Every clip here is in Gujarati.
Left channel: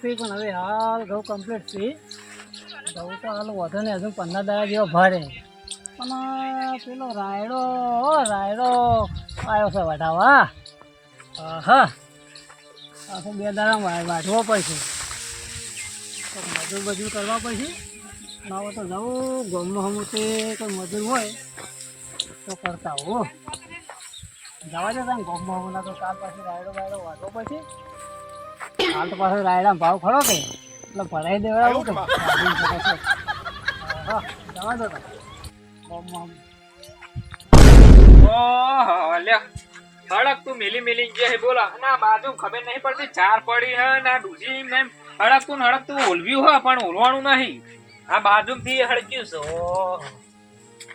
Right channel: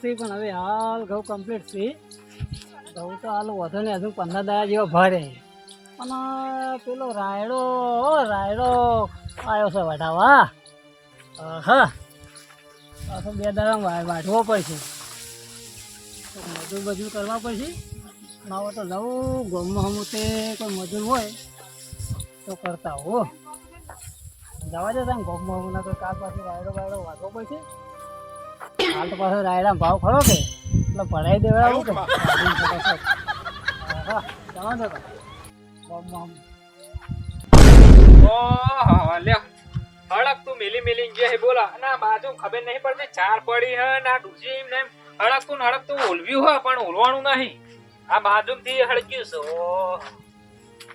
છે પણ હવે હાલ ઘઉં કમ્પ્લીટ છે ઘઉં તો હાલ વધે ને હજુ પંદર દાડા જેવો ભરે. પણ પેલો રાયડો, ઓ રાયડો આવ્યો છે વઢાવા. હા તો બે દાડા વાઢવો પડશે. તો મજૂર બધું કરવા પડશે. માવો તો જવું ગમમાં હમું તે કોઈ મજૂર હોય તો કરતા હો. જવા દે તમે ગમમાં હમું તો કાલ પાછું રાયડો બાયડો વાઢવો પડશે. હાલ તો પાછો રાયડા ભાવ ખરો કે? એટલે ભરાઈ દેવડાવું કે હા જવા દો હળક તું મિલી મિલી ગયા હે બોલા. ના બાજુ ખબર નહીં પડતી. ચાર પડી હે ના ડૂસી ને હળક તું ને હળક તું. ઓલવ્યું હે પણ ઓલવાનું નહીં. આ બાજુ થી હળક્યું છે.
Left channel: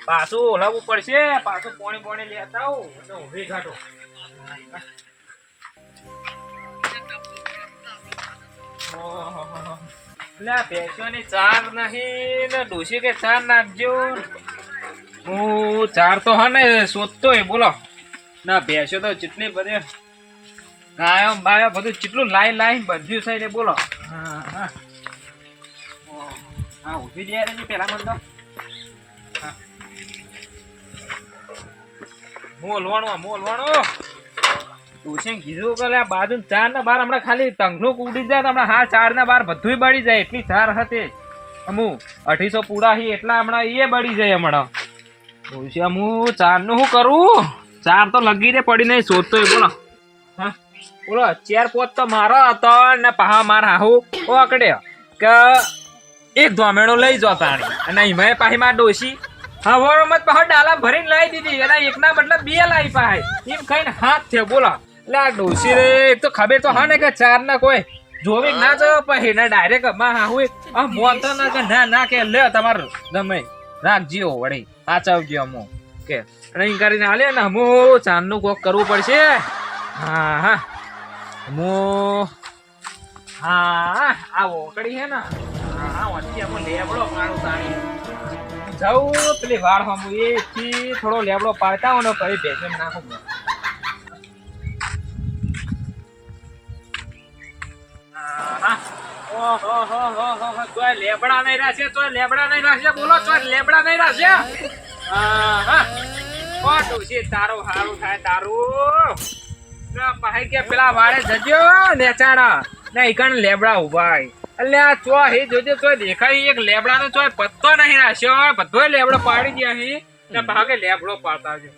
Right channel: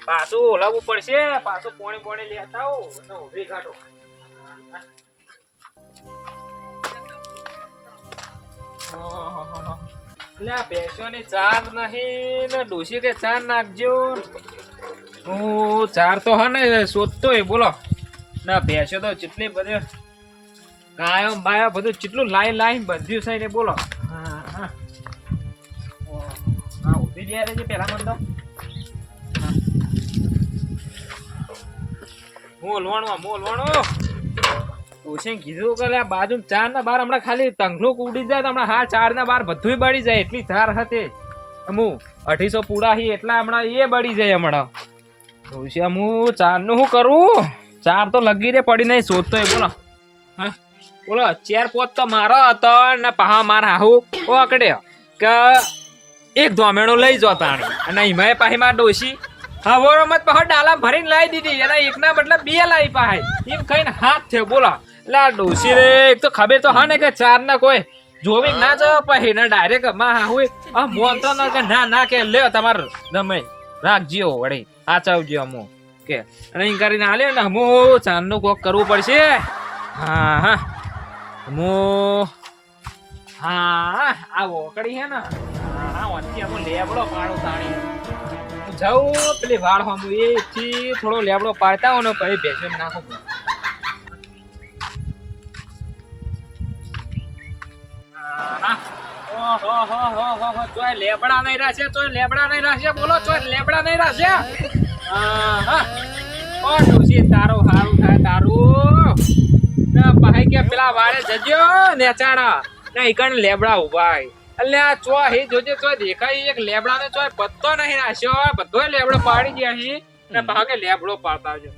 પાછું ઓલાવવું પડશે. પાછું પોણી પોણી લેતા આવું. ઊભી ઘાટો લે, ભેંસોની ચાર નહીં, ને ડોસી કે ચાર નાખજો. હું ચાર તો હા ને, શોધતો બોલો. ના, ભેંસો તો જેટલી બધે ગાયો, બાયો, બધું જેટલું લાઈ લાઈ બધું છે ને, બોલો. હા હા. હા ઊભી જ રહેજે પેલા મને તો. હા. મોલવાનું મોલવાનું કીધું કે આ બાજુ ચાર ના બાર હમણાં ખાલી તંગલુક ઉડી જાય હમણાં હા ચાર ના બાર બધું બળી જાય, એટલી ચાર હતી અમુ, અઢીસો પૂરા હી એટલા હમણાં એ બળી જાય હમણાં. ભવિષ્ય અમુ ચારનું શું કરું? ચાર તો લગી રે પડી નહીં, શોધતો હોય બોલો. હા? બોલો ચાર પોત તો મારો હતો ને પહા માર હાહુ. ઓ અકડે કે એક ધોમેણો લઈ જો તાણી. અને હિમાય પાહી માર ડોસી હા વો મત પહા ડાલા ભરીને લાવી દીધી. એના એકના મતલબ બે લાવી પાહે. એમ કહીને હાથ થયો. બોલો. એટલે ડોસી રે તો ખબર તો હા ને કે ચાર ના કોઈ જોવી ના જવા પછી ને ડાયરેક્ટમાં હાહુ આ મોન તો ના કે ના ના કે લે તમાર ગમે રાખજો વળી, સાચવજો અમો કે અને કરીને હાલે ને હમો ચાંદનું કોક કરવું પડશે. હા હા. હમો. હા, આ ઓકડી હે ને. હા ઓછી આપણે લેબડો પાડો તાણી. જાઉં પેલી વાળ હમુ એ થી થોડો લેબડો પાડતા હોય ને પછી ભેંસે નાખો. હો હો હો તોય લેબડા નહીં રાખશે તો લેબડા નહીં રાખશે બોલો તો લેબડા નહીં રાખશે તારું સારું થાય, તારું. ભાઈ પેલા વાળે જજો, નેચાણા. ના ઈકણ લેબડા ઊભા અલ્યા ચો હી દેખાય, એક લેબડા નો ચો પત્તો નહીં રાખ્યો. બધો લેબડો પાડી ગયા અહીં ને, ભાગે લેબડો પાડતા આવજો.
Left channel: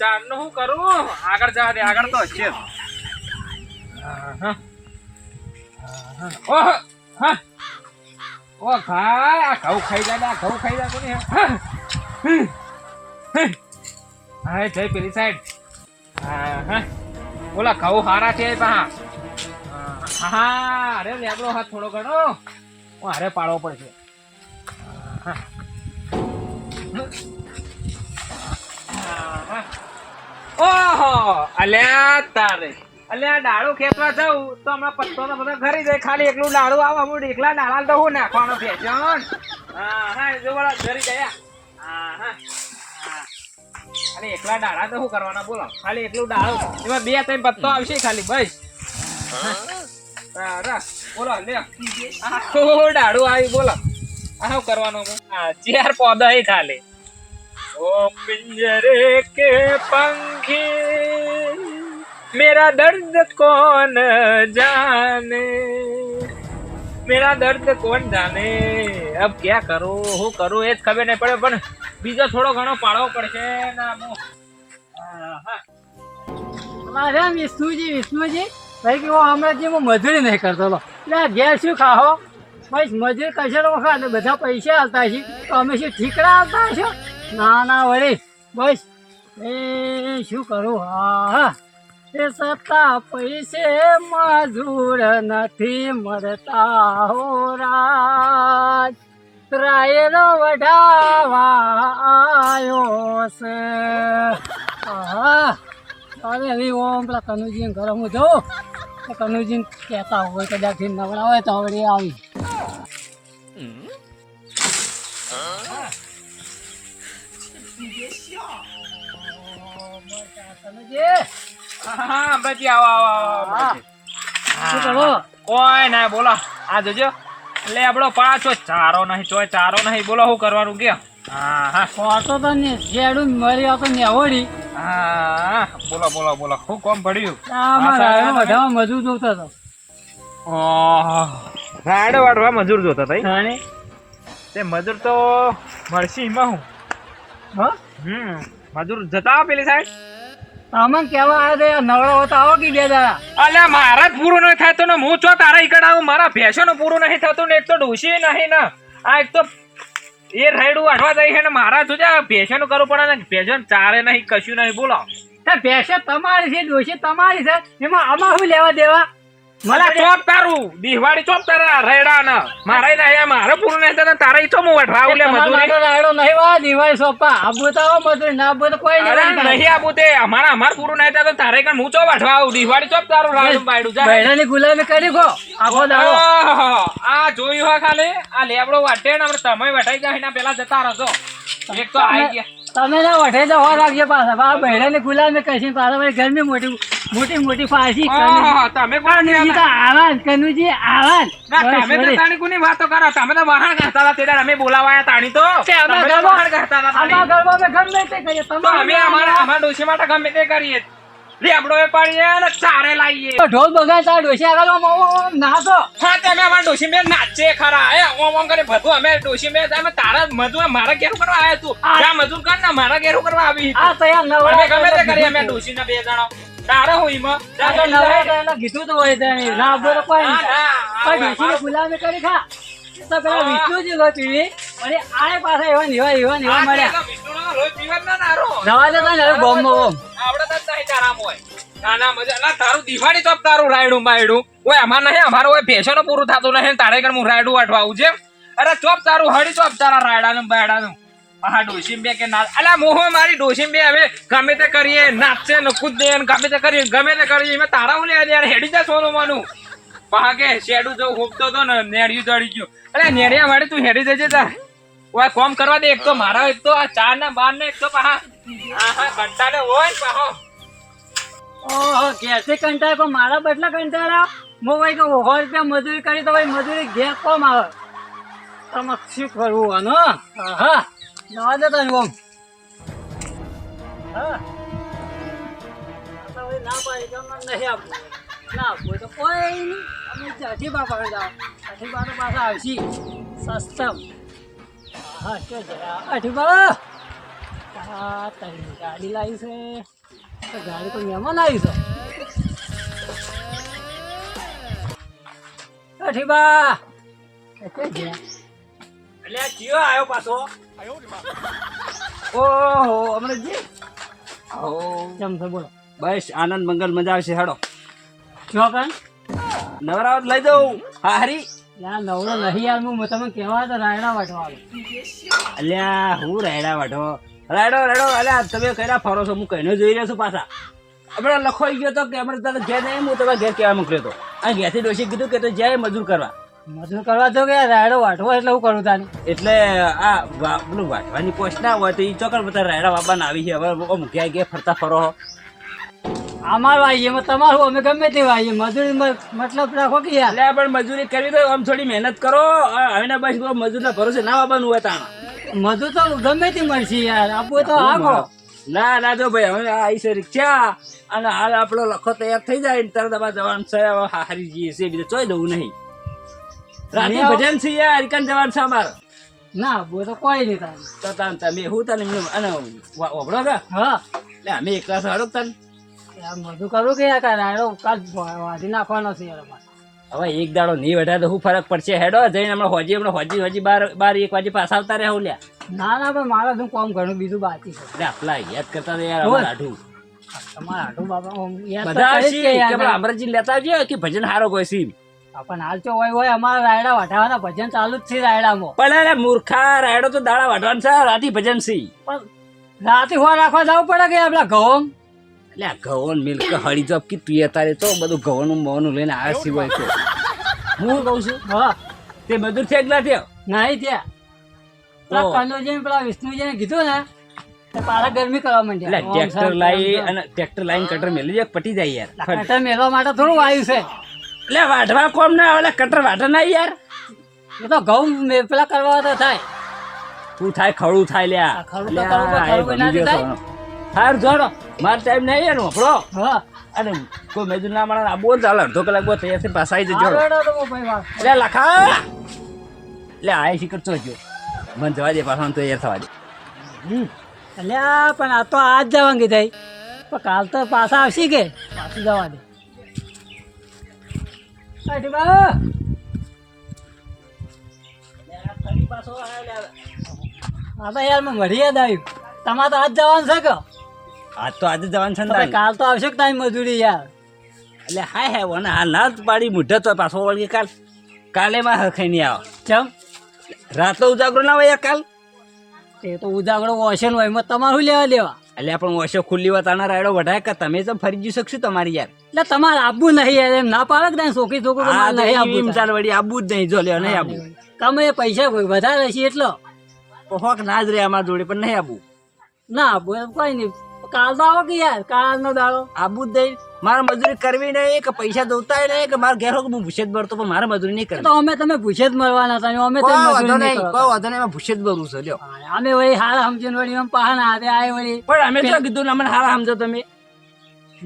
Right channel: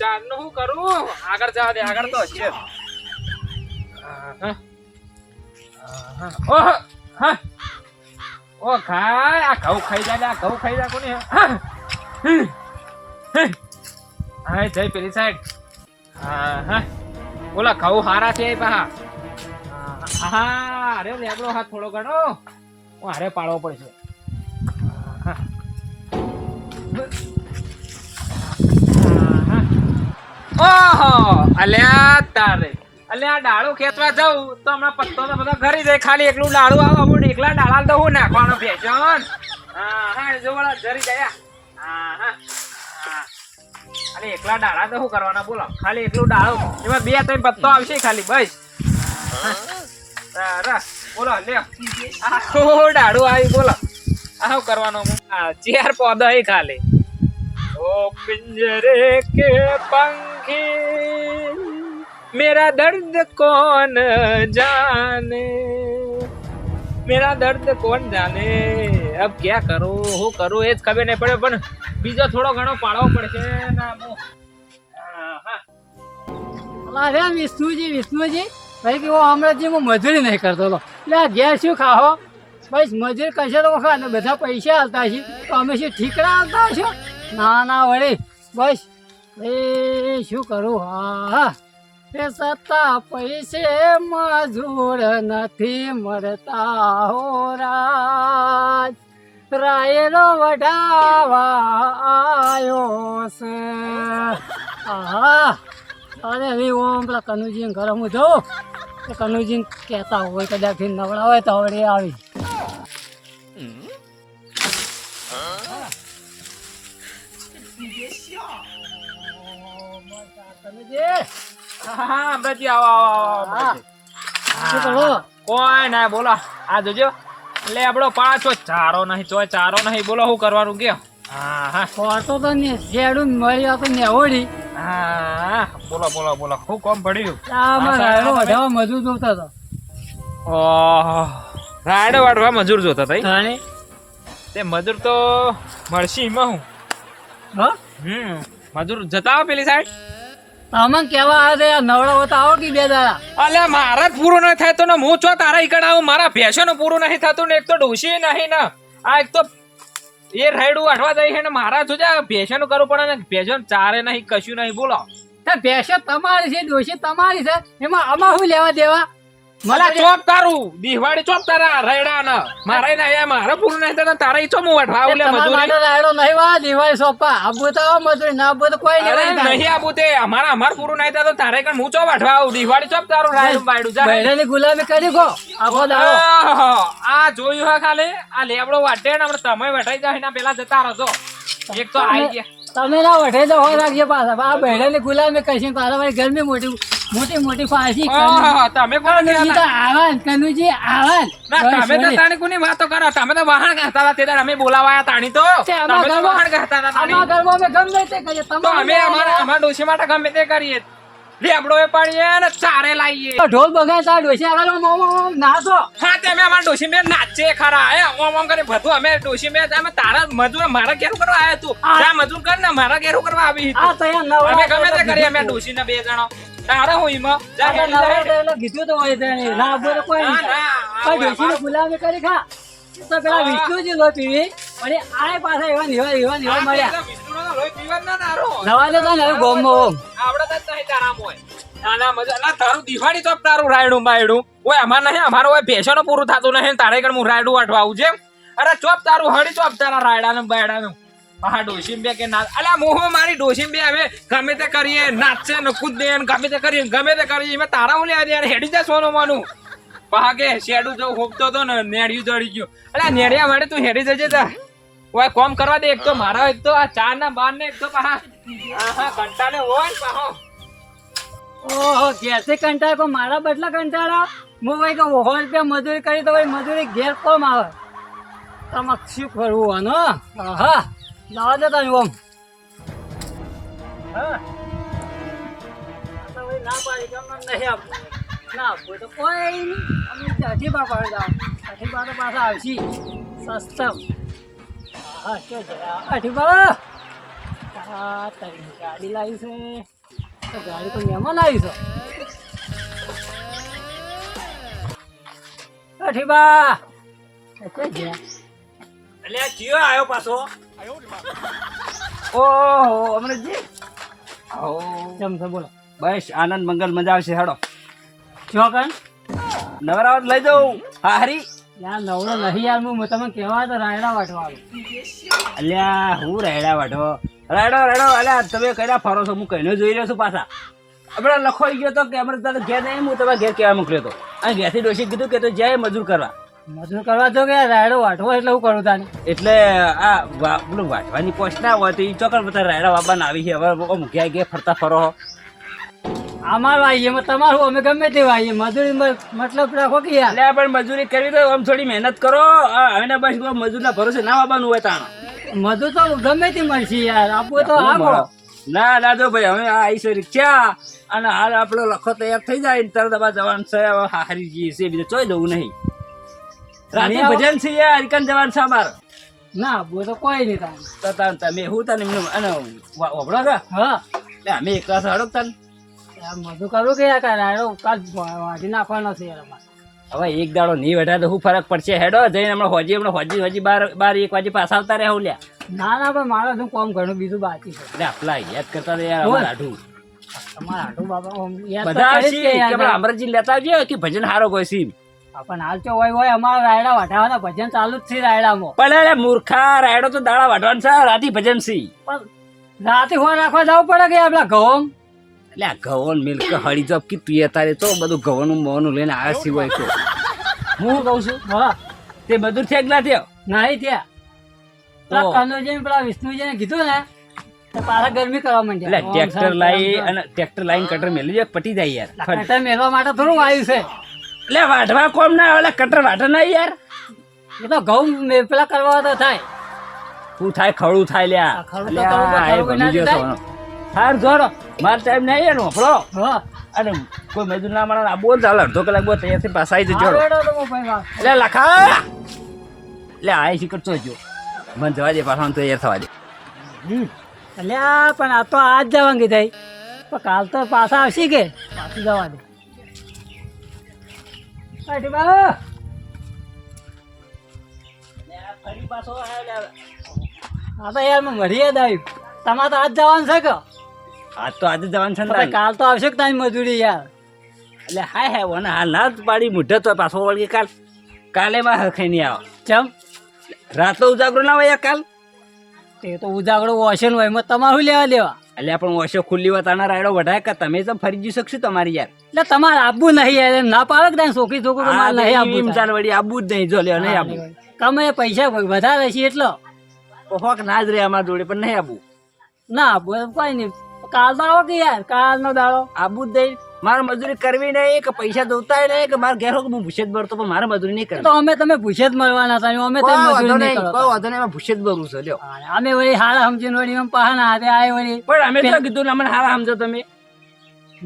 ચારનું શું કરું? આગળ જવા દે, આગળ તો. ઓહ. હા. ઓ ભાઈ, આ ઘઉં ખાઈ જાય આ ઘઉં ખાઈ જાય કોને હા? હા. જય પેલી સાઈડ હા હા. ઓલા ઘઉં હારા છે પા હા અરે, લેબડો હાથ થોડો ઘણો. હું હારે પાડવો પડશે. હા. ઓહો, અલ્યા તારે. એટલે આ ડાળો ખેતવા જાઉં તો હમણાં પત્તો તો બધા ઘરી જાય, ખાલી એકલું ડાળો આવે, હું એકલા ડાળા તો હું નાખવાનો ભેજન હા હા જો વાળા ઘરે ગયા હા. હા અરે એકલા ડાળા તો શું કરવાના, બોલો. ખાલી એકલું ડાળો. એમાં બે ત્રણ પત્તો આવશે ખાલી, બસ. બોલો લે આખો ડાળો આવી, બોલો. આ શું કરવાનો હું? ચેર ખાલી ઓ કે પંખી. मेरा दर्द कौन जाने मेरा दर्द कौन જાને अब क्या करूं હું કરું એ જ ખબર નહીં પડે પણ બીજો થોડો ઘણો પાડવો પડશે ના હું હા, હા. અરે વિષ્ણુજી વિષ્ણુજી ભાઈ કે હમણાં હું મજૂરી નહીં કરતો હતો એટલે આ ઘેર શું ખાઓ બસ મજૂરી કરશે તો વખત અને બધા પૈસા હાલતા છે તો અમે શું ઠીકડા હાલતા છો ના ના વળી બસ એ શું કરું હા હા એ સત્તા પૈસે મજૂર નથી મળતા હો રાજ. રાયનો વઢાવા આવ્યો છે. અરે એવી ઓમ પેલા કનુજી ઘરે હું જોઉં કનુજીને કનુજી કહેતા હોય કદાચ નવડા હોય તો હવે આવી. કનુજી, હા, હા, આવો, આવો, આવો, હા. શું કરો? ઓય ના બોલો. આ જોજો. એટલે આપણો પાછો ચારો નહીં ચોય ચારો નહીં. બોલો શું કરવાનું કે હા હા. ખોટો તો ને જેડું મળી આવતો નેવડી હા બોલો બોલો બોલો. હું કોમ પડ્યું વધારવા મજૂર જોતા હતા. ઓહ. રાયડો વાળવા મજૂર જોતા હતા તે મજૂર તો મળશે એમાં હું. હા? હમ મજૂર જતા આવો પેલી સાઈડ? તમને કેવા આવે છે? નવરો હોતા આવો કે બે દાડા? અલે મારે પૂરું નહીં થાય તો ને હું ચો તારા ઈકડ આવું? મારા ફેશન પૂરું નહીં થતું ને એક તો ડોસી નહીં ને. આ એક તો એ રાયડું વાઢવા જાય છે ને મારા જોજે આ ભેંસોનું કરવું પડે ને ભેંસો ચારે નહીં કશું નહીં બોલો. તે ભેંસે તમારી છે ડોસી તમારી છે. એમાં આમાં શું લેવા દેવા? મને ચોપ તારું. દિવાળી ચોપ તારા રાયડા ને મારે નહીં મારે પૂરું નહીં થતું તારા ઈ ચો હું વાઢવા આવું લે મજૂરી. માટે રાયડો નહીં વા દિવાળી સોંપા આબુ તો મજૂરી ના આબુ તો કોઈ નહીં નહીં આપું તે. અમારા અમાર પૂરું નહીં થતું તારે કણ હું ચો આવું દિવાળી ચોપ તારું રાયડું બાયડું જા બૈરાની ગુલામી કરી ગો. આખો દાડો આ જોયું હા ખાલી? આ લેબડો વાટે ને આપણે તમે વટાઈ જાય એના પેલા જતા રહો એક તો આઈ ગયા. તમે ના વઠે તો હો રાખજે પાછા. આ બૈરાની ગુલામી કશી પાછા ગરમી મોટી મોટી મોટી ફાંસી તમે કોણ આવાન કનુજી આવાન. તમે તો તાણી કોની વાતો કરો? તમે તો વાહણ કરતા હતા તેડા અમે બોલાવાયા તાણી તો. તમે તો ઘરમાં- કરતા હતા તાણી. ઘરમાં અમે ગમે તે કરીએ તમે અમે અમારા અમારા ડોશી માટે ગમે તે કરીએ. લેબડો એ પાડીએ ને ચારે લાવીએ ઢોલ બગાડતા ડોસી આગળ ઓમ ઓમ નાચો હા તે અમે અમારા ડોશી મેં નાચે ખરા. એ ઓમ ઓમ કરી બધું અમે ડોશી મેં અમે તારા મજૂર મારા ઘેર કરવા આયા તું. જા મજૂર કર ને મારા ઘેર કરવા આવી આ તો. અહીંયા અમે ગમે તે કરીએ અમે ડોશી ના બે જણા. આ તો કીધું હોય. ના બોલો કોઈ કરી ખા પેલા વિષ્ણુજી લો પીવી અને પાછા એવા એવા મળ્યા તારો. જવા દે તને હવે ગોમમાં ઓમ. આવડત નહીં તારામાં હોય. ના, ના, મજા- ના, તારું દિવાળી ચોપ તારું રાયડું બાયડું. ઓય, અમાર નહીં, અમારું ઓય પૂરું થતું નહીં તારે કણ હું રાયડું અટવાવું છે. અરે ચોપ તારું હળી ચોપ તારા રાયડાનું બાયડાનું. હા, ડોશીમ બે કે ના. અલા મોહ મારી ડોશીમ બે હવે ગમે તે કરીએ નાચે ને કૂદે ને ગમે તે કરીએ ગમે તે કરીએ એમાં તારા હું લેવા યાર હેડી જા સોનું માનું. પાકે શેડું જો હોપતો તો ને નેડિયું ચડી ગયું. અલા નેડિયા માડે તું હેડી જજે તા ઓય કોમ કરવા દે એક તો મારા એક તો આ ચાર ના બાર ને એક તો પાહા કંટાળે હોય પાહો. ઓહો કેસે કંટાળ પણ મારા બદલા કંટાળા હું ભાઈ તો ઓહો રૂપિયા મજૂરી કરી તો ભાઈ મજૂરી ઘેર કોમ આવે. તમારે શું કરવું આનો? હા જવા દે તને ઓમ હા ના પાડી કે અમને નહીં આપવું ના આપવું તો કોઈ નહીં. અમે બા પાડી જાઓ બા તો પાછા આવશી. સસ્તમ. હા કે અઢી બા હા તારી ગાડી લાવી છે. તો ગાડી તો મહેમાન આવી છે? અઠીબા કે ગયા એટલે આ ચિયો આવ્યો પાછો. ઓહો અમરજી આવો. કેમ છે બોલો. બસ આનંદ મંગલ મજા આવશે હેડો. કઈ નવરાવત લઈ જાઉં. હારી હરી. યાર નવરો નહીં યાર હું તમે કેવા તો રાયડા વાટવા અલ્યા હું રાયડા વાટો રાયડો રાયડો અલ્યા તમે કયા ફરો છો? હું કહીને જોઈ રહ્યો છું પાછા. આપણે લખોઈ ગયો તો કે આપણે તારે ઘેર નહીં હું તમે ઘેર કહેવા મોકલ્યો હતો અને ઘેરથી ડોસી કીધું કે તો જાય મજૂર કરવા. મજૂર કરવા તો કે રાયડો વાટવો એટલે હું કરું તાને? એટલે આ પેલું વાટવાની પોસ્ટ ના હોય તો એ ચોકર બધા રાયડા બાબાને આવી છે. હવે મૂક્યા ઘેર ફરતા ફરો. અમાર વાઈએ તમારું અમે ગમે તે વાઈએ. મજૂરી મતલબ રાખો કે યાર. એટલે પણ મજૂરી કરવી તો આમ થોડી મહેનત કરો. હવે બસ મજૂરના ભરોસે ના બાબાનું હોય તાણ. મજૂર તો ગમે તે મળશે યાર. આપવું તો આપો ના ના જો ભાઈ હવે આ આવી છે રિક્ષા અને હાલ આપણો લખો તૈયાર થઈ જાય ને તરત આપણે જવાનું છે. હારી જઈએ છે બીજું ચોઈ દઉં નહીં. રાતે ભજન છે યાર હરિકન જવાનું છે અમારે. ના આપવું તો કોઈ નહીં તાન તો તાન તમે હું તને એમનું અને ઓબળો વાપરો હા. એટલે અમે એકલા સાડો તને મજૂર કરવું કે યાર રાયડો કાલ વાટી નાખવાનો છે યાર અમારે. હવે એક દાડો નહીં વધારે તો શું ફરક પડશે. હેડો જઈને હમણાં હોજી હમણાં હોજી હોજી બાર બાર એક વાગે પાછા આવતા રહ્યા લ્યા. ના ના પણ મારો શું કોમ ઘણું બીજું બાકી છે. એટલે આપલા યાદ કરતા યાર હવે અમારે આઢું. તમારા આઢું બાબા યાદ બધા કે અમરજી લેતા આવજે કે ભજન હારો કોઈ સી પણ હાલ તો હોય હોય અમારા રાયડા વાઢાવાના ભજન ચાલુ જ છે રાયડામાં. પણ અરે મૂર્ખા રાયડો તો દાડા વાઢવાનું છે રાતી ભજન સી પણ રાતે હોય રાખવા જવું પડે કે આપણા ઘઉં? એટલે ઘઉં મિલ્ક હળી જોબ કી તું તારે તો બધું ઘઉંનું મોનું લઈને આવ્યા સિવાય છે હું કહું છું? હા. તે બધું છે એકલા થયો નહીં ત્યાં. પેલા કનોજીને પેલા વિષ્ણુજીને કીધું ને તો ગરમી કરવા માંડ્યા. ટ્રેક્ટર લાવી અને ટ્રેક્ટર લાઈન કટર મેલી જાય પટી જાય યાર. કટર મેળવા માટે થોડું આવ્યું છે. એટલે વાઢવા કોમ ના આવે કટર વાઢે ના યાર. એ તો ઘઉં પેલા કરવા તો થાય. શું થાય? ખડું થાય લ્યા. આ ખડું તો કરવું ના થાય? હાર જોડો મારો ટાઈમ નહીં એનો આપણો હા. અને કોઈ મજૂર ના મળે આ બોલ ચાલે અડધો કલાક બોલ તૈયારથી પાછા આવી જજો. તો. એટલે લખા એટલે આ શીખર તો જો મને જવા દે પાછા તૈયાર થવા દે. અલ્યા પણ આ તો આજ જવાની થઈ. પણ કાલ તો પાછા આવશે કે? પાછું જવા દે. હા તો યાર મને યાદ આવ્યું. તમારે તો આજ જવાનું છે કે? આજ તો આજે જવાનું છે ને કાલ તો આવશે કે તારી મજૂરી યાર? એટલે હાય હાય વને હાલ ના પાડી મુઢે તો પાછો વળગે કાલ. કાલે માં હરખાઈ નહીં આવે. કેમ? રાત ઉજાગરો ના હોય કાલ. તે તો ઉજાગરો હોય એમાં તમારું લેવા દેવા. એટલે પણ ઓછો ખુલ્લી વતાના રાયડો વઢાય કે તમે તો ફરી જઈ શકશું તમારી યાર. એટલે તમારે આપવું નહીં યાર ના પાડે કે છોકરી છોકરો તો મારે નહીં આપવું ચાલ વળી આબુ જ નહીં જો લ્યો નહીં આબુ. તમે પૈસા વધારે છે એટલો? હોક ના જ રે અમારા જોડે પણ નહીં આબુ. ના આપવું કોઈ નહીં. કાલ તો આવો કે યાર કાલનો દાડો. આબુ જ નહીં. મારે મજૂરી કરવી નહીં કે પૈસા દોતા નહીં કે મારે ઘેર હું ભૂસે જ ભરતો પણ મારે મજૂરી નહીં કરવી. તો અમે તમે ભૂસે જ મળવાના હતા અમે તો મજૂરી નહીં કરો. કોઈ વાંધો નહીં એમાં ભૂસે જ ભરવું છે લ્યો. અમે વળી હાલ સમજીને વળી એમ પહાના હાથે આય વળી. પણ અમે તો કીધું ને અમને હાલ સમજો તમે.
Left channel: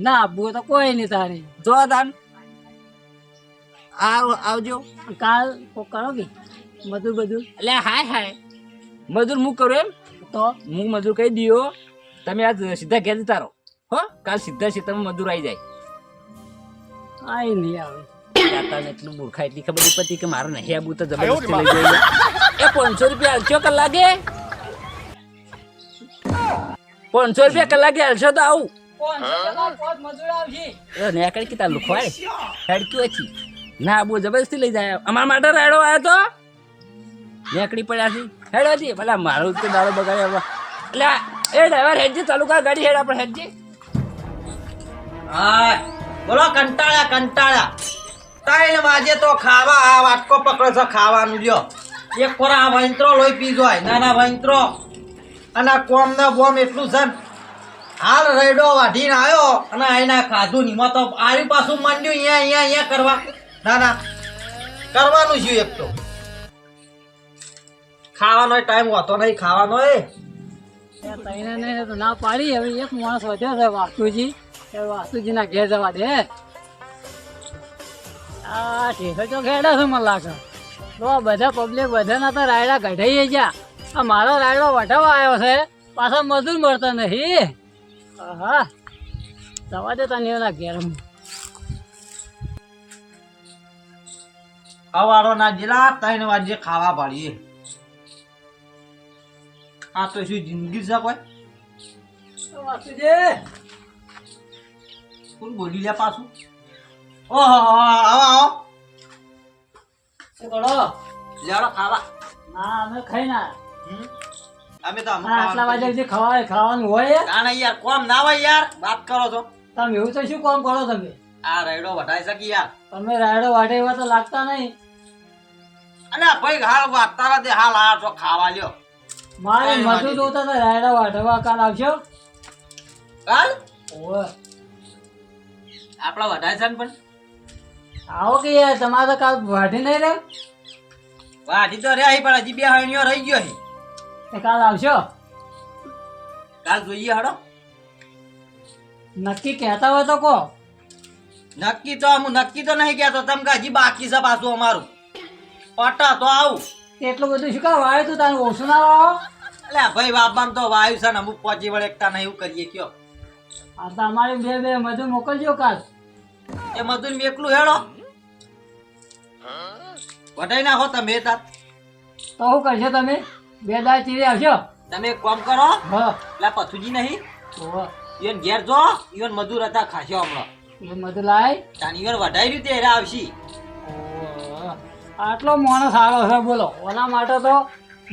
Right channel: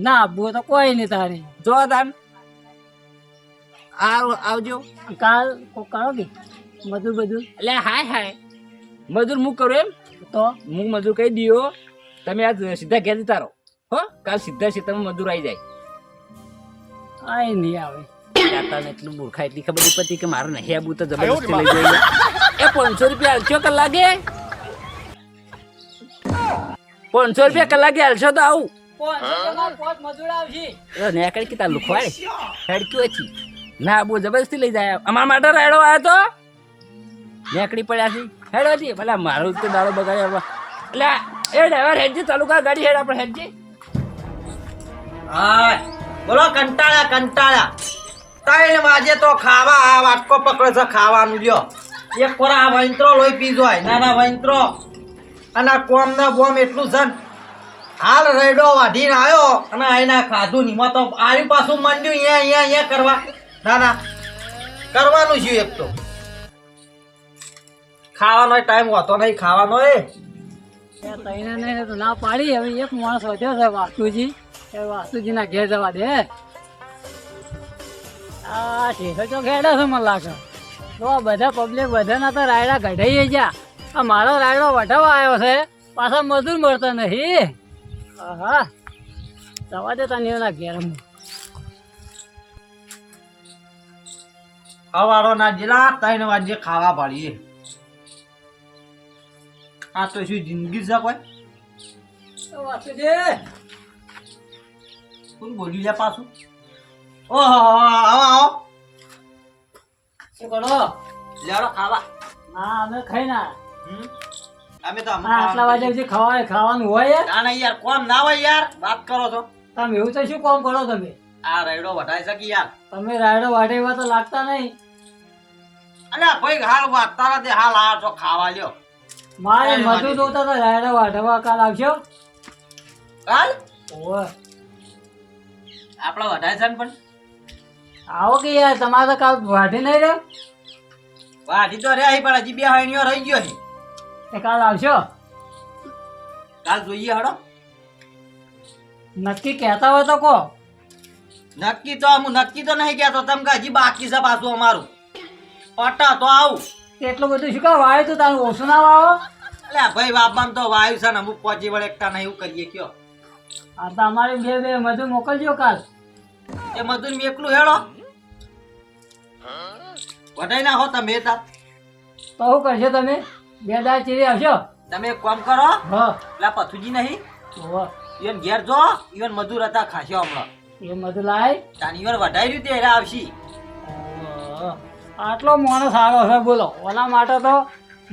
ના આપવું તો કોઈ નહીં તારે. જો તાન. આવ આવજો. કાલ કોક કરો કે? બધું બધું? એટલે હાય હાય. મજૂર હું કરું એમ. તો? હું મજૂર કહી દયો. તમે આ સીધા ઘેર જતા રહો. હો કાલ સીધા સીધા મજૂર આવી જાય. આય નહીં આવે. તને એટલું મૂર્ખા એટલી ખબર નહીં પડી કે મારે નહીં આબુ તો જબરજસ્તી લઈ જઈએ. એ પાંચસો રૂપિયા હાલશો કલાકે? પાંચસો રૂપિયા કલાકે હાલશો તો આવું. એ નેકળી કે તાર લુખવાડે. હેડક્યું હતી ના આબુ જબરજસ્તી લઈ જાય. અમારા માટે રાયડો આવ્યો તો? નેકડી પડ્યા છે. હેડ હતી ભલા મારો તો દાડો બગાડ્યો. એટલે એ ડ્રાઈવર હેડજે ચાલુ કર ગાડી હેડ આપણે હેડજે. હા બોલો, કંટાળા કંટાળા. ત્રણ વાગે તો ખાવા, આ વાટકો પકડે છો, ખાવાનું લ્યો. એક ખોરા આ વંત્રો લોહી પીજો હોય, નાના વંત્રો. અને કોમ ને બોમ એટલું છે હાલ રેડો વાઢીને આવ્યો અને આઈના ખાધું નહીં. તો આરી પાછું માંડ્યું, અહીંયા અહીંયા અહીંયા કરવા. ના ના. કરવાનું છું એક તો. ખાવાનો ટાઈમ હોતો નહીં, ખાવાનો એ. તઈને ના પાડી. હવે એક માણસ વધ્યો છે વાસુજી વાસુજીના ઘેર જવા દે. આ શેખર તો ખેડા છે મને લાગે. તો બધા પબ્લિક બધાના તો રાયડા કઢાઈ ગયા. આ મારો રાયડો વઢાવા આવ્યો છે. પાછા મજૂર મળતો નહીં. હા જવા દે તને એના ઘેર સવારો ના જિલ્લા ત્રણ વાગે ખાવા પાડીએ. આ તો શું જિંદગી છે કોઈ? વાસુજી કોણ બોલી લે પાછું. ઓહો આવો આવો શું કરો? લેવડો ખાવા. ના અમે ખાઈ ના. અમે તો આટલા વાગે જે ખવાય ખાવાનું હોય ના ના યાર કોમ ના હોય યાર. વાત કરો છો. તમે એવું તો શું કામ કરો તમે? આ રાયડો વઢાઈ શકી યાર. તમે રાયડો વાટે તો લાગતા નહીં. અલ્યા ભાઈ હાલ વાગતા નથી. હાલ આ તો ખાવા લ્યો. મારે મજૂર. જોતા હતા રાયડો વાટવા કાલ આવશો હાલ ઓવે. આપડા વધારે છે ને પણ. આવો કે યાર તમારે તો કાલ વાઢી નહીં રહ્યો? વાઢી તો રહ્યા પણ હજી બે હાઈણીઓ રહી ગયો એ કાલ આવશો? કાલ જોઈએ હડો. નક્કી કહેતા હોય તો કહો. નક્કી તો હું નક્કી તો નહીં કહેતો તમે કે હજી બાકી છે પાછું અમારું. પટા તો આવું. એટલું બધું શું કામ વાયું તું તારું ઓછું ના વાવો? અલ્યા ભાઈ બાબાને તો વાયુ છે ને અમુક પહોંચી વળેકતા નહીં એવું કરીએ કયો. આ તો અમારે બે બે મધુ મોકલજો કાલ. એ મધુર એકલું હેડો વટાઈ નાખો તમે તાર. તો શું કરશો તમે? બે દાળ ચીરી આવશો? તમે એક કામ કરો. પેલા પથુજી નહીં. ઈવન ઘેર જો ઈવન મજૂર હતા ખાશો હમણાં. ઈવન મધુ લાય. તાન ઈવન વઢાઈ રહ્યું તે આવશી. આટલો માણસ સારો છે બોલો. ઓલા માટે તો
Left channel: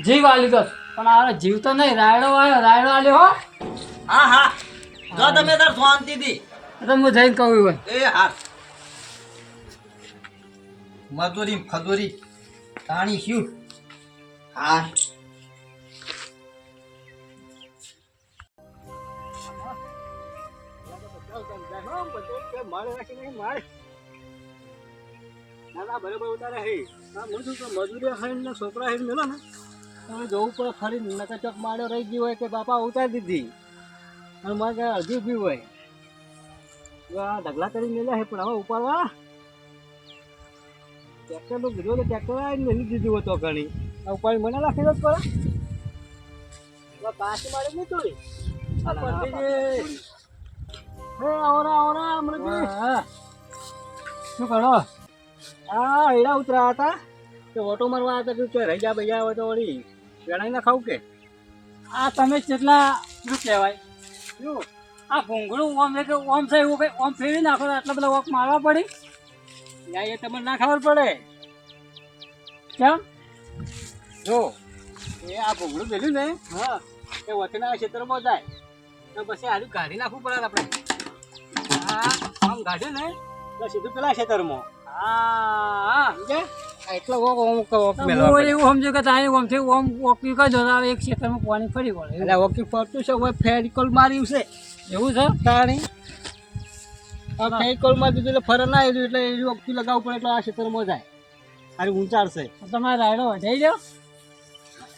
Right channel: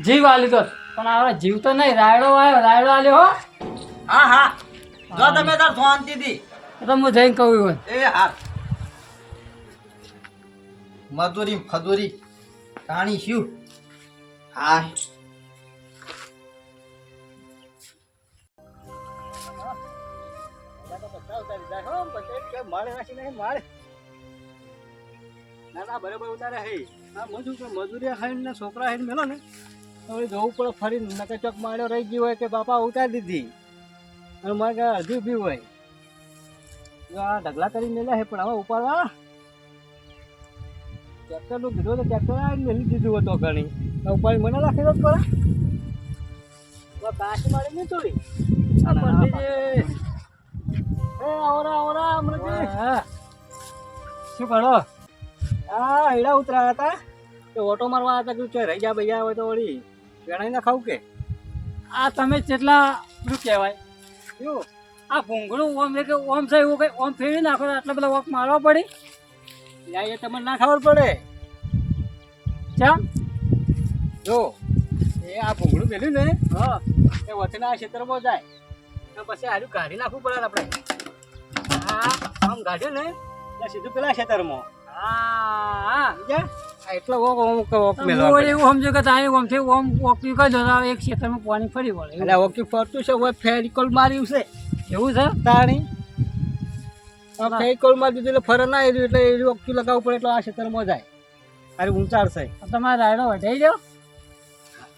જીવ આલી દો પણ હવે જીવ તો નહીં રાયડો આવ્યો રાયડો આલ્યો હો. હા હા. જો તમે તાર શાંતિથી એ તો હું જઈને કહું હોય એ હા મજૂરી ફદુરી તાણી શું? હા ના ના બરાબર ઉતારે હે. ના હું શું કહું, મજૂરી ને છોકરા ખાઈને મેલો ને. જવું પડે ફરી નકચક માર્યો રહી ગયો હોય કે બાપા ઉતારી દીધી. અને મારે કે હજુ બી હોય. આ ઢગલા કરી મેલ્યા છે પણ હવે ઉપાડવા. ટ્રેક્ટરનું કીધું તો ટ્રેક્ટર આવીને મેલી દીધું હતો ઘણી. ઉપાડી મને રાખી દો પડે કાશી મારી નહીં ચોરી આ પંડિતજી. શું કરો? હા હીરા ઉતર્યા હતા. તો ઓટો મારવા હતા કે રહી જા ભૈયા હોય તો વળી વેણાઈ ના ખાવું કે? આ તમે કેટલા શું કહેવાય? શું? આ ભૂંગળું ઓમ લે કે ઓમ છે એવું કંઈ ઓમ ફેરી નાખો આટલા બધા વોક મારવા પડી. યા એ તમને ના ખબર પડે. કેમ? જો એ આ ભૂંગળું મેલ્યું ને હા. એ વચના ક્ષેત્રમાં જાય. તો પછી આનું કાઢી નાખવું પડે આપણે. હા આમ કાઢ્યું ને એટલે સીધું પેલા ક્ષેત્રમાં. હા હા. સમજ્યા? એટલો ઓમ વોક હું એવું સમજુ કે તારી ઓમથી ઓમ વોકિંગ કરી દો તો એક ક્ષેત્રમાં પાણી ફરી વળે એટલે વોકિંગ ફરતું છે હવે ફેરિકોલ માર્યું છે. એવું છે? તાણી. આ ફેરિકોલ દીધું એટલે ફર ના આવ્યું એટલે એ વોકિંગ લગાવવું પડે એટલે આ ક્ષેત્રમાં જાય. અરે ઊંચાડશે. તો તમારે રાયડો વઢાઈ દો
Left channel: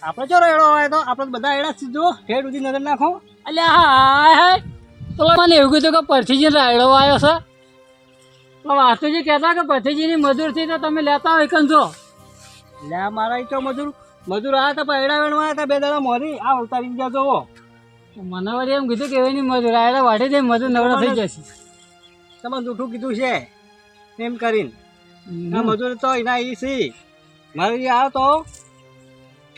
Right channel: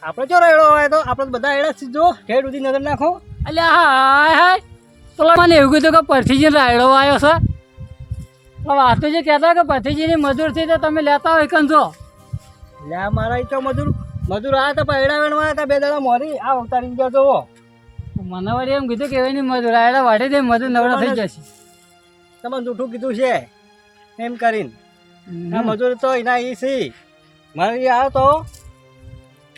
આપણે જો રેડો હોય તો આપણે બધા એડા સીધો જો. હેડ સુધી નજર નાખો. એટલે હાય હાય. પેલા મને એવું કીધું કે પરથી જ રાયડો આવ્યો છે. તો વાતુજી કહેતા કે પતિજીની મજૂરથી તો તમે લેતા હોય કંજો. લે મારા તો મજૂર મજૂર આવ્યા હતા પણ એડા આવ્યા હતા બે દાડા મોરી આ ઉતારી ગયા જોવો મને વળી એમ કીધું કે એની મજૂર આવ્યા વાઢી દે મજૂર નવરા થઈ જશે. તમે જૂઠું કીધું છે એમ કરીને. આ મજૂર તો એના એ સી. મારે આવ્યો તો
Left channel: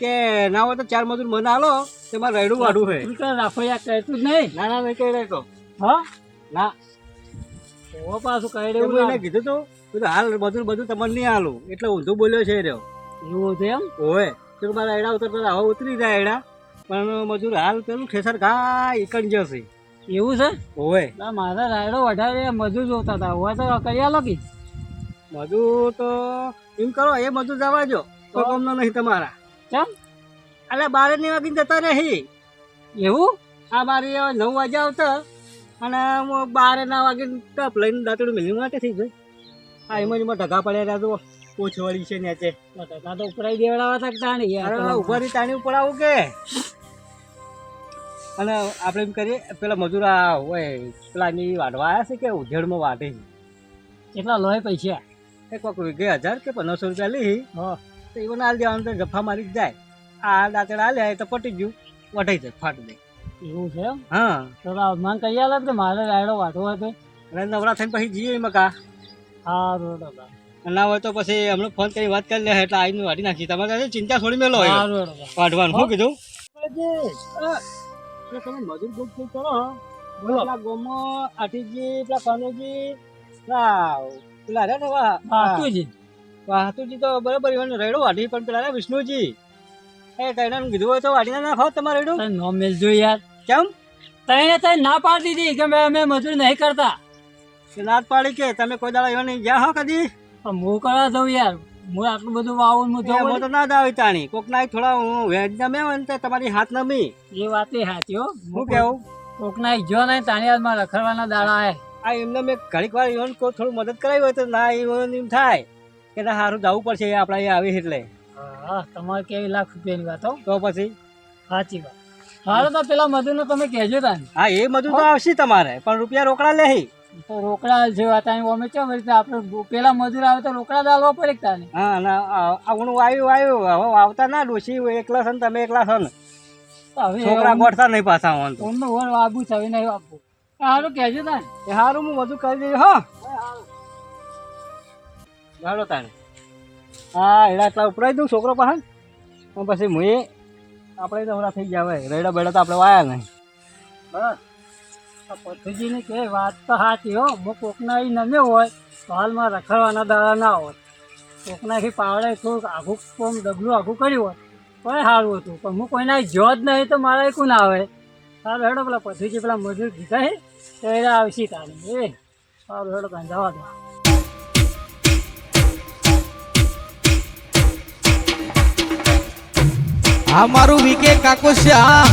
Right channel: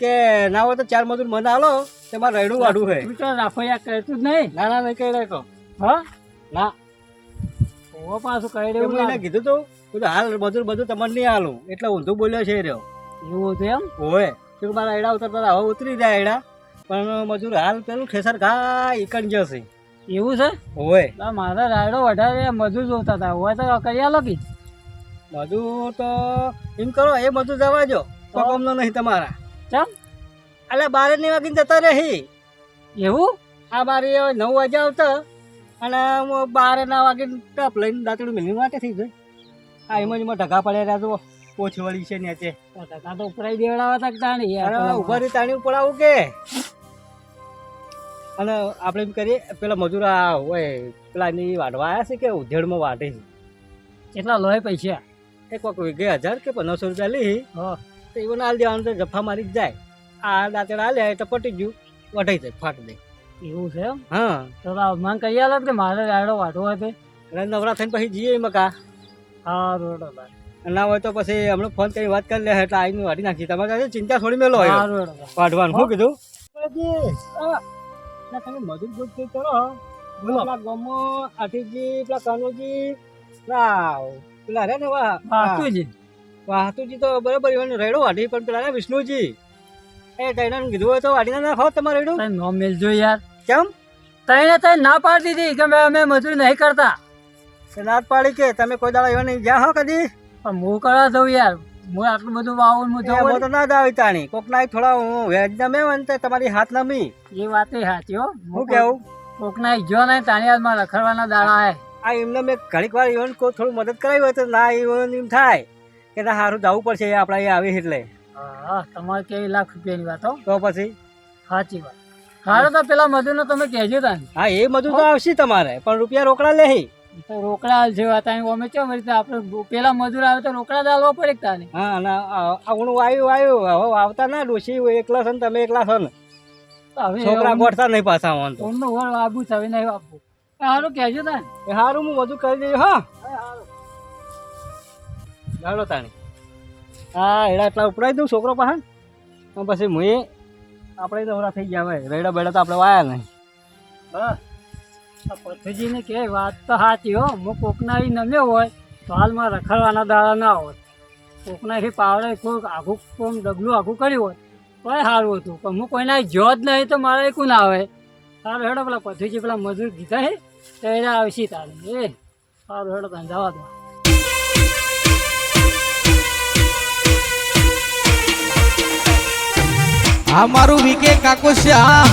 કે ના હોય તો ચાર મજૂર મને આલો તે મારે રેડું વાડું હે તું તો રાખો યાર કહેતું જ નહીં. ના ના નહીં કહી રહ્યો હા? ના. ઓ પાછું કહી રહ્યું એને કીધું તું બધું હાલ મજૂર બધું તમને નહીં હાલું. એટલે ઊંધું બોલ્યો છે રહ્યો. એવું હતું એમ? હોય તો મારા એડા ઉતરતા હવે ઉતરી જાય એડા. પણ મજૂર હાલ પેલું ઠેસર ઘા ઈકણ જશે એવું છે? હોય મારા મારે રાયડો વધારે મજૂર જોતા હતા. હોય તો કરી આલો કે મજૂર તો એમ કરો એ મજૂર જવા જો તો તો? નહીં તમારા. ચમ એટલે બારે ની વાગીને જતા રહી. એવું? આ બારે નવ વાગે આવતા. અને હું બારે ના વાગે ટપ લઈને દાંતડું મિલી માટે થઈ ગયું આ એમાં જ એમાં ઢગા પડ્યા તો પોછ વળી છે નેચે. ઢગા તો ઉપરાઈ દેવડાવા તક કે તાણી ઊભા રહી તાણી ઉપડાવું કે? અને આપણે એમ કરીએ પેલા મજૂર આ હોય પેલા એની વાઢવા આવ્યા છે કે ઉધેડમાં વાઢે છે? કેટલા લોહે પૈસા? એક કોઈક વીઘે હજાર કે પંદરસો રૂપિયા હ. તો એવું હાલ દેવાનું તો જફા મારી જ જાય. આ દાંતડા લે તો પટી ગયું. વઢાઈ જાય ફાટ દે. એવું છે એમ? હા. તો મને કહી આલે કે મારે રાયડો વાઢો હોય તો નવરા થઈને પછી જઈએ મકા હા રોડો ના હોય તો પછી હમણાં ફોન કરી વાત કરી લે એટલે આવીને વાઢી નાખી તમારે ચિંતા છોડી મેલો હોય. વાઢવાનું શું કીધું? ના તમે મજૂર ગુજ ગુજ કરો બોલો. ગોમો આઠીજી પેલા કનુજી પેલા પેલા રે ને વાહ વાતુજી વાહતુજી તો બરાબર એવાનું રેડો વાઢી પણ પેલા રે વિષ્ણુજી. એ કઈનાનું કીધું હોય તો વાઢીને નાખો તમારે રેડો તને નો મેલજો યાર. કેમ? તઈને તઈ ના પાડી દીધી કે અમે મજૂરી નહીં કરતા. ના પાડી કે? તમે કોઈ દાડા એવા નહીં ગયા હો કદી? પણ હું કરવા દઉં યાર. હું આટલું બધું વાવું હું જવું તો ના દાવી તાણી કોક ના થોડા હું વેજ નમે ને તમારી હાથ નમી. એ વાત એ સાચી હો. હું કેવું? કોકના જો નહીં તાણી હાથમાં રખડવાના દાડા આવે આ એમને મેં ઘડીક વાર એવું કોઈ થોડું મદદ કરાવી હોય તો ના એવું એમ થાય. કે ના સારું જવું પડશે આપણે અહીંયા આવી એટલે. હા તમારે કેવી લાખ રૂપિયાની વાત હો. તો પછી? સાચી વાત. હારે તો પેલા મજૂરનો તમે કહેજો તાને. હા એ મધુ તો આવશે તમારે પણ રૂપિયા રોકડા લે તો રોકડા જેવા અહીં અમે કેમ રીતે આપણે પેલા મજૂર આવે તો રોકડા દાલવા પડે તા તાને? હા અને આવણું આવ્યું આવ્યું હવે આવતા ના ડોશી એકલા છો ને તમે એકલા છો ને હવે છોકરા ગોઠતા નહીં પાછા આવવાનું તો ફોનનું વર આબુ છે હવે નહીં આપવું સારું કહેજો તાને. એ સારું હું બધું કરી દઈશ હા. ગાડો તાને હા એડા એટલા ઉપરાઈ દઉં છોકરો પાસે. પછી હું એ તો નવરા થઈ ગયા ભાઈ. રેડા બેડા તો આપણે વાયા નહીં. હા પથ્થરજીને કે, વાત તો સાચી હો. હું એ નમ્યો હોય, તો હાલમાં રખડવાના દાડા ના હોત કોકનાથી પાવડે થોડુંક આઘું કોમ ડગલું આઘું કર્યું હોત તો સારું હતું. પણ હું કોઈના જો જ નહીં, તો મારા એકું ના આવે? સારું હેડો, પેલા પથ્થરજી પેલા મજૂર કીધા છે તો એને આવશે તારે એ, સારું હેડો તાને દો. આ મારું વીકે કાકોશ્યા